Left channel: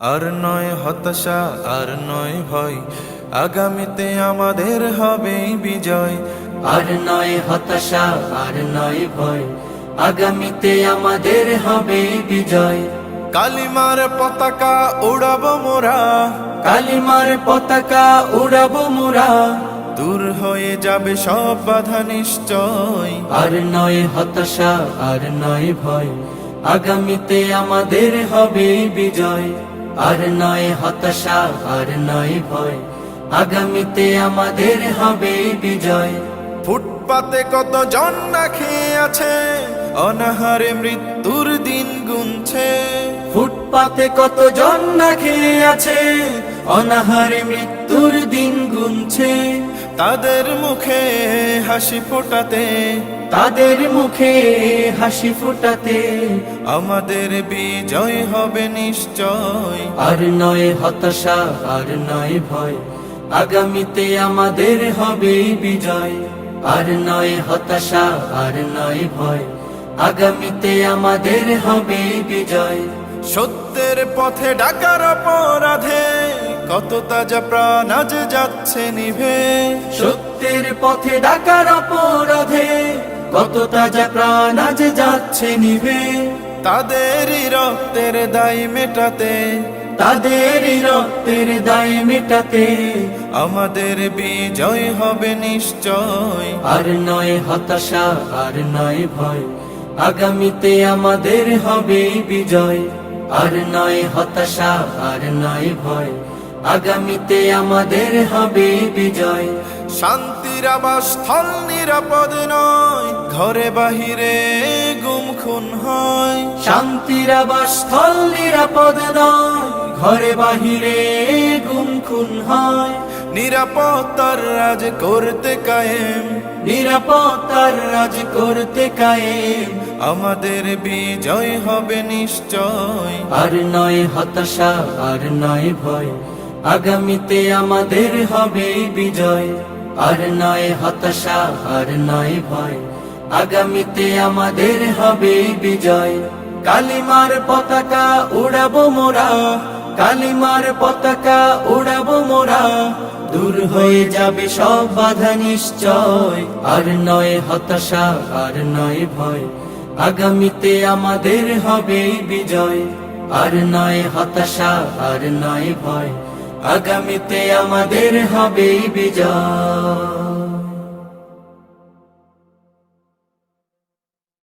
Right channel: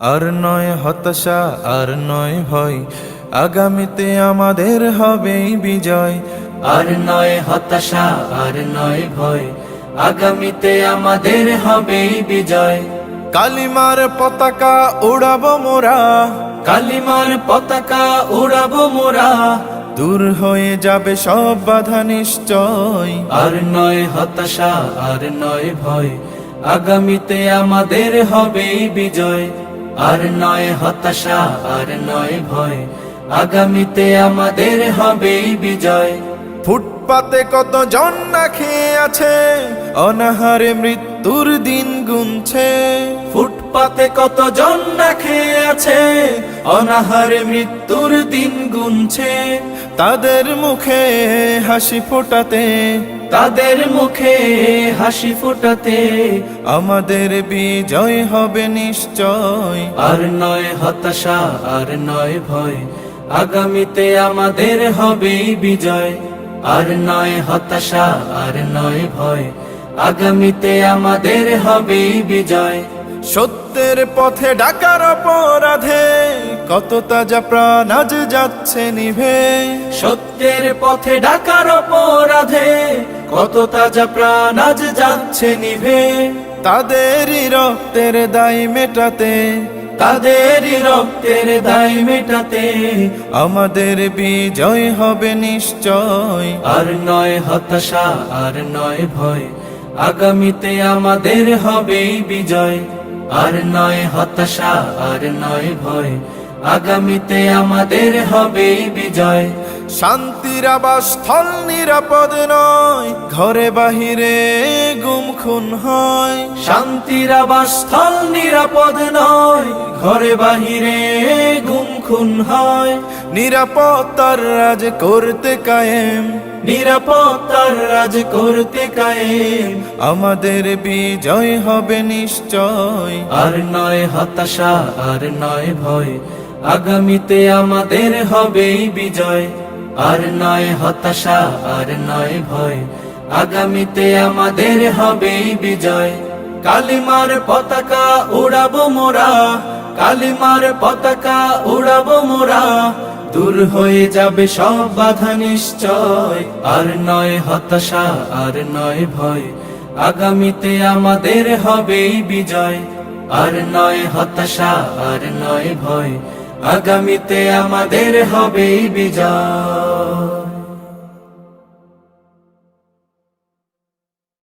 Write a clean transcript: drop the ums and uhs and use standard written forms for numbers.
আর নয় হতাশা, আর নয় ভয়, আগামীতে আমাদের হবেই বিজয়। আর নয় হতাশা, আর নয় ভয়, আগামীতে আমাদের হবে বিজয়। কালিমার পতাকা উড়াবো মোরা, কালিমার পতাকা উড়াবো মোরা। দূর হয়ে যাবে সব বাধা নিশ্চয়। আর নয় হতাশা, আর নয় ভয়, আগামীতে আমাদের হবে বিজয়। আর নয় হতাশা, আর নয় ভয়, আগামীতে আমাদের হবে বিজয়। ফুটপাতে কত জন না খেয়ে আছে, অনাহারে মৃত্যুর দিন গুনছে। ফুটপাতে কত জন না খেয়ে আছে, অনাহারে মৃত্যুর দিন গুনছে। তাদের মুখে হাসি ফোটাতে, তাদের মুখে হাসি ফোটাতে আমাদের বিজয় হবে নিশ্চয়। আর নয় হতাশা, আর নয় ভয়, আগামীতে আমাদের হবে বিজয়। আর নয় হতাশা, আর নয় ভয়, আগামীতে আমাদের হবে বিজয়। সত্যের পথে ডাকার অপরাধে কত তাজা প্রাণ আজ যাচ্ছে নিভে। সত্যের পথে ডাকার অপরাধে কত তাজা প্রাণ আজ যাচ্ছে নিভে। তাদেরই রক্তের দায় মেটাতে, তাদেরই রক্তের দায় মেটাতে আমাদের বিজয় হবে নিশ্চয়। আর নয় হতাশা, আর নয় ভয়, আগামীতে আমাদের হবে বিজয়। আর নয় হতাশা, আর নয় ভয়, আগামীতে আমাদের হবে বিজয়। শান্তির আবাসস্থল নিরাপদ নয়, ঘরে বাহিরে গুম খুন হয়। শান্তির আবাসস্থল নিরাপদ নয়, ঘরে বাহিরে গুম খুন হয়। নিরাপত্তার রাজ করতে কায়েম, নিরাপত্তার রাজ করতে কায়েম আমাদের বিজয় হবে নিশ্চয়। আর নয় হতাশা, আর নয় ভয়, আগামীতে আমাদের হবে বিজয়। আর নয় হতাশা, আর নয় ভয়, আগামীতে আমাদের হবে বিজয়। কালিমার পতাকা উড়াবো মোরা, কালিমার পতাকা উড়াবো মোরা। দূর হয়ে যাবে সব বাধা নিশ্চয়। আর নয় হতাশা, আর নয় ভয়, আগামীতে আমাদের হবে বিজয়। আর নয় হতাশা, আর নয় ভয়, আগামীতে আমাদের হবে বিজয়।